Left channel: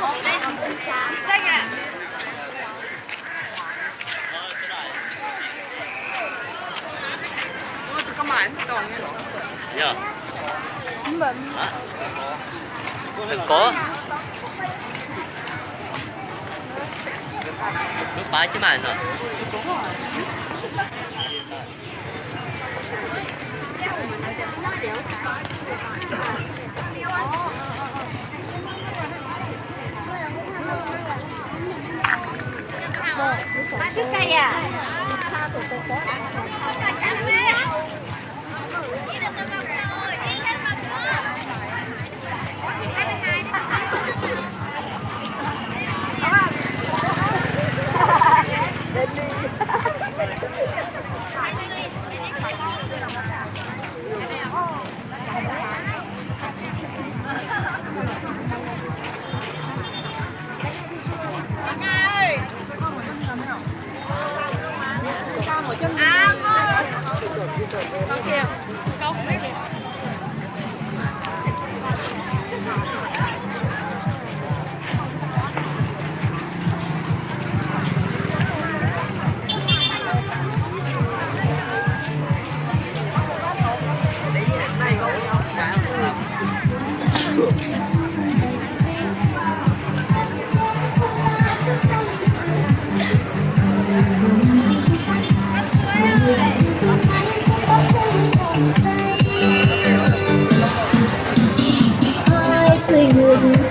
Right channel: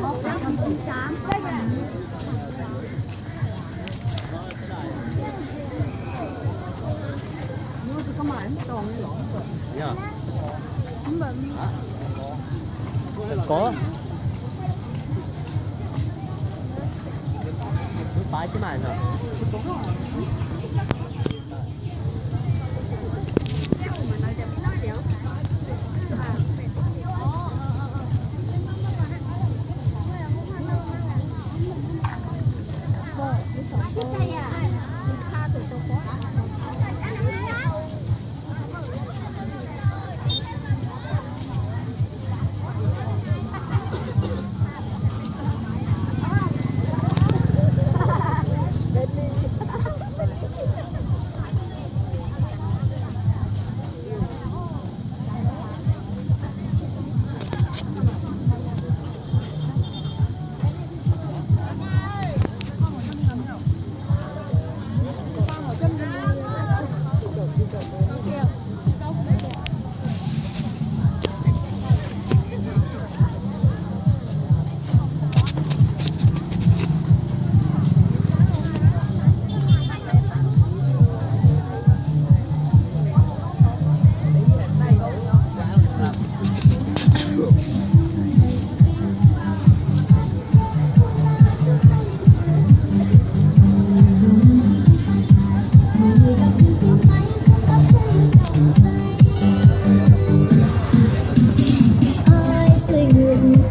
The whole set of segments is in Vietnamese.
Mua cho các mày nó còn nghe lỏng. Dạ. Hả? Đừng có. Nước bái chứ mày nè. Đúng rồi. Thích cây à?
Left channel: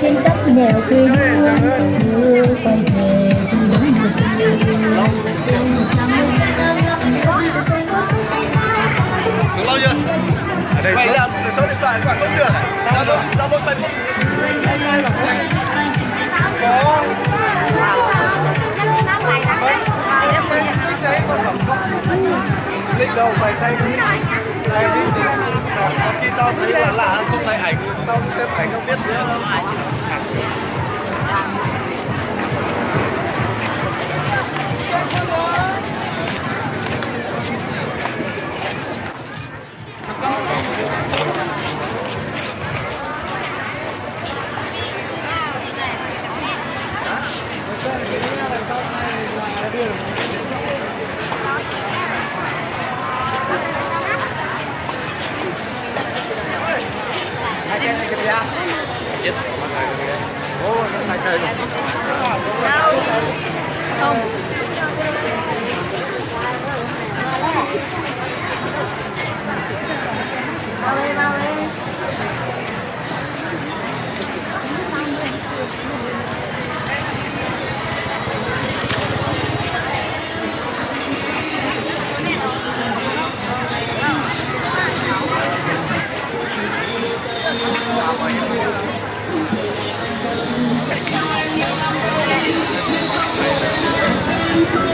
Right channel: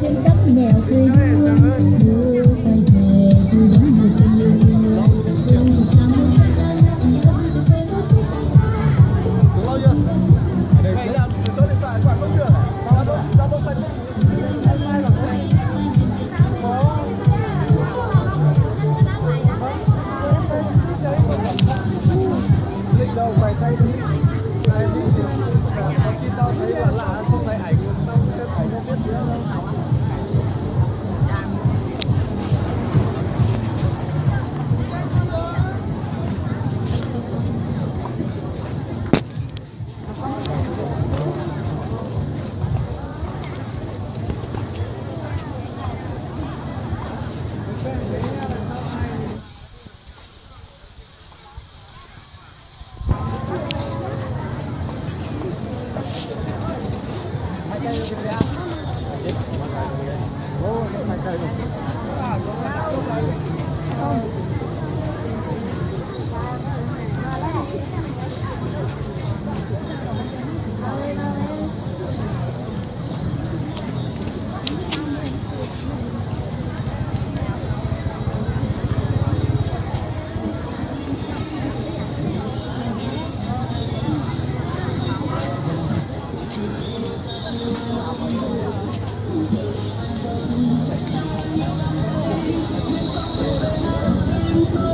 Trên đất nẻo quê hương đưa quay về đi đón xuống lâu chưa? Vậy là số điện thoại của bạn không được à? Zalo Facebook online là có tích đấy có tổng không? Link đâu phải thay đi. Có khi tao thấy là lạ không thấy ảnh, tao xem ảnh không biết nữa đâu. Chết. Bố nó phải cây rồi. Không. Thank you.